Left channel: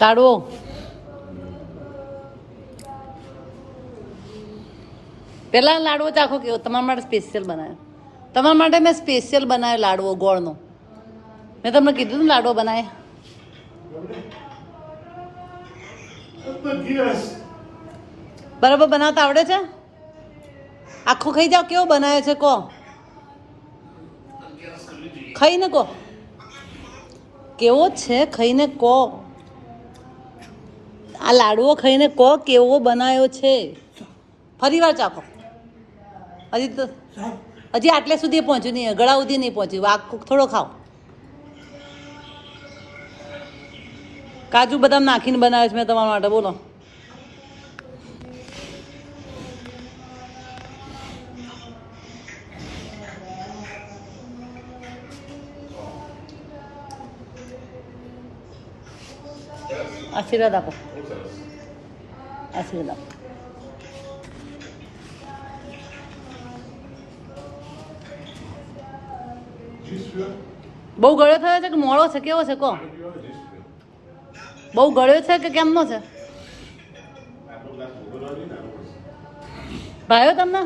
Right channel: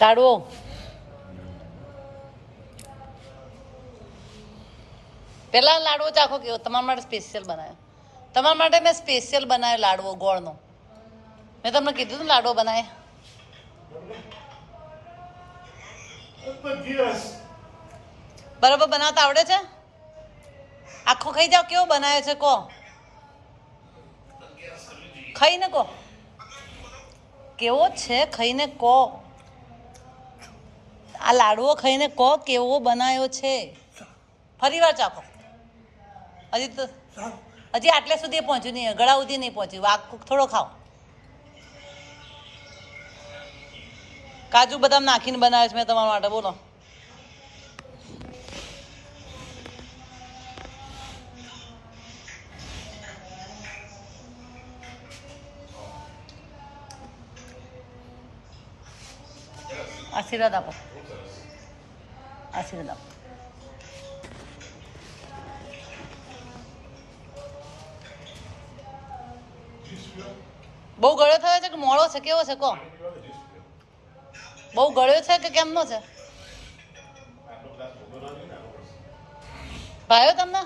લાડવો પેલા લાડવો ચાખો કેવો? તમારા માટે સ્પેશિયલ બનાવ્યો તમારા માટે મેં સ્પેશિયલ બનાવ્યો લાડવો, ગોળનો. મેં તમને કીધું ને લાડવો બનાવે બરાબર બનાવતા આવડે છે? આખો ખાઈ જાવ કેવો બનાવે છે કહો? ખાઈને કહો. કેવો છે? ખાઈને કહો. આ લાડવો ખાઈને કહો કેવો બનાવ્યો છે. ફરી વાર ચાખો. હજી તો હજી આટલે સુધી પહોંચ્યું નહીં ગળા સુધી નહીં પહોંચ્યું. આ થોડો ખાઓ. કાજુ બદામ નાખીને બનાવે છે મેં તમારા માટે બોલો. આશીર્વાદ આપો. આપો બહુ ગળ્યો થયો છે કે મોળો છે? કેવો છે? કો બહુ ગળ્યો છે કે કેમનો છે? ભાઈઓ તમને?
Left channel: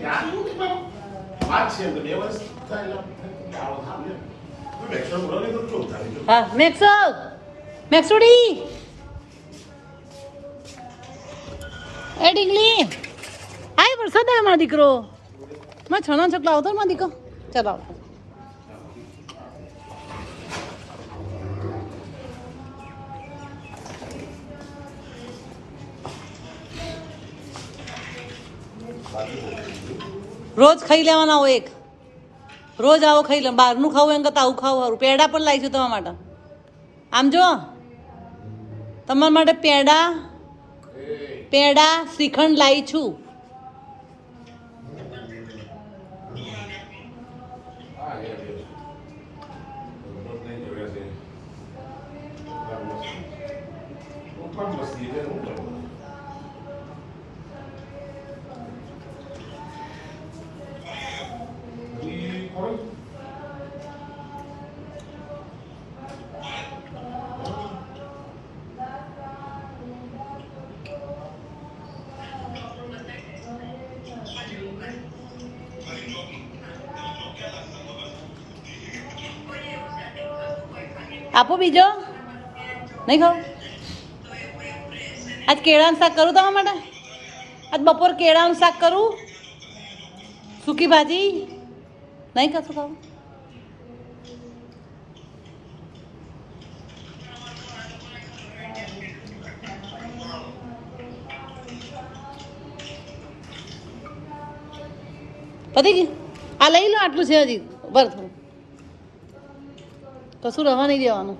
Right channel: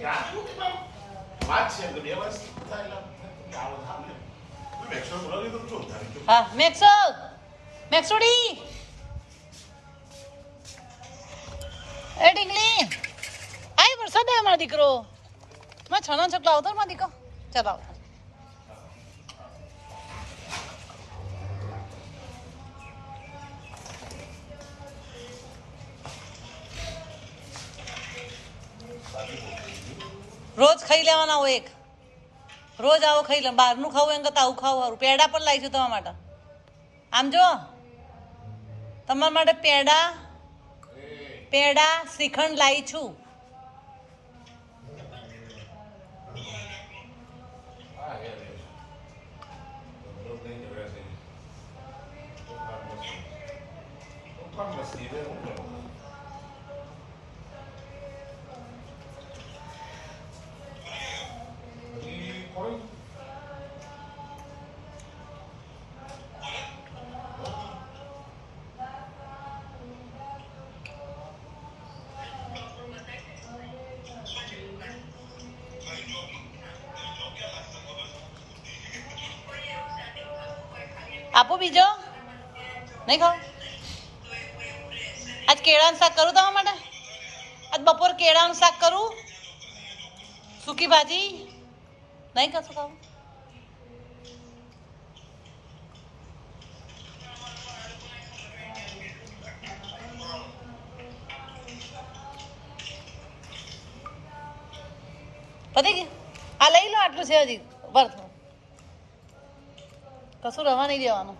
Yeah, I think मेक्सल मेक्सुडी ए डिङ्ली त म चलाउ રોજ ખાઈ લેવાના હોય એક. રોજ આવો ખાઈ લે, બહારનું ખાવું એમ કરતાં આવું ખાવું સારું. પેડા પણ લાવીશું તમારા માટે. આમ જો, તમારા માટે પેડા પેડા, શ્રીખંડ લાવી છું. આપો બીજો? નહીં ખાવ? આજ કેળાનું શાક કરું તમારા માટે? આજ બપોર કેળાનું શાક કરું? સૂકી ભાજી? નહીં કરશો ખાવું? પતી ગયું? આ લઈ લો, આટલું છે હજી. બરાબર કશું રવા નહીં દેવાનું